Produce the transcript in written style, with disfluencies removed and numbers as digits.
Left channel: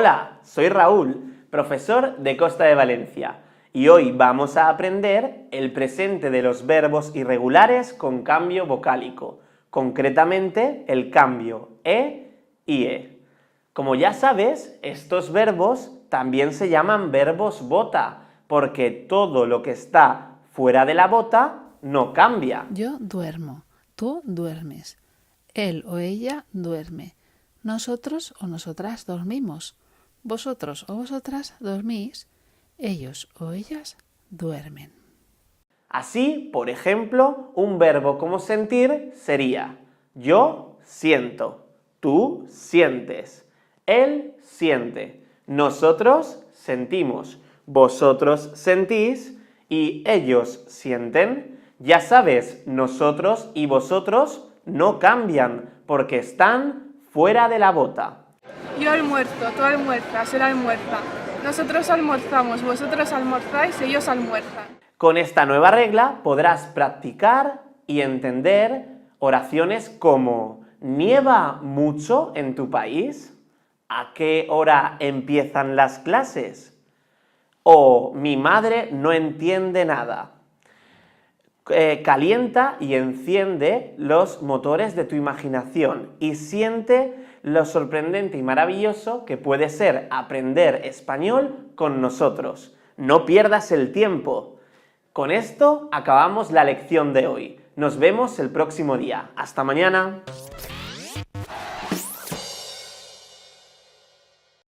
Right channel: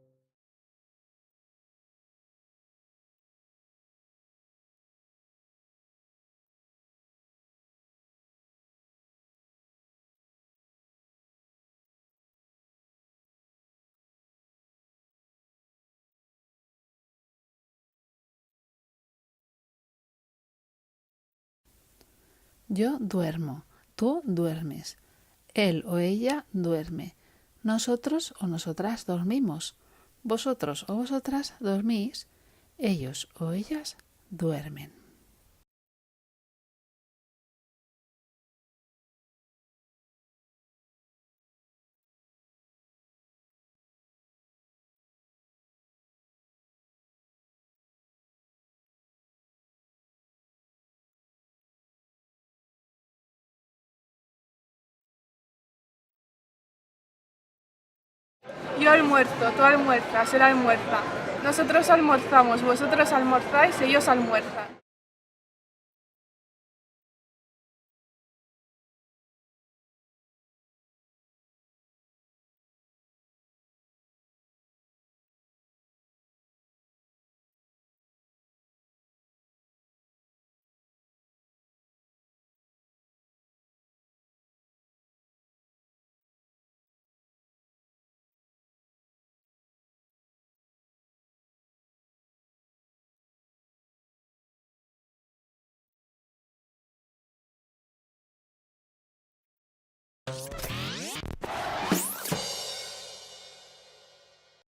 Hola, soy Raúl, profesor de Costa de Valencia, y hoy vamos a aprender el presente de los verbos irregulares con cambio vocálico, concretamente el cambio e y e. Como ya sabes, estos verbos también se llaman verbos bota, porque todo lo que está fuera de la bota no cambia. Yo duermo, tú duermes, él o ella duerme, nosotros o nosotras dormimos, vosotros o vosotras dormís, ellos o ellas duermen. Así, por ejemplo, un verbo como sentir sería yo siento, tú sientes, él siente, nosotros sentimos, vosotros sentís y ellos sienten. Ya sabes, nosotros y vosotros no cambian porque están fuera de la bota. Yo almuerzo, tú almuerzas, él almuerza. Nosotros almorzamos, vosotros almorzáis, ellos almuerzan. Con esta nueva regla podrás practicar y entender oraciones como ¿nieva mucho en tu país? ¿A qué hora empiezan las clases? O mi madre no entiende nada. Calienta y enciende los motores de tu imaginación y siente lo sorprendente y maravilloso que puede ser aprender español con nosotros. No pierdas el tiempo. Con esto acabamos la lección de hoy. Nos vemos el próximo día. ¡Hasta mañana!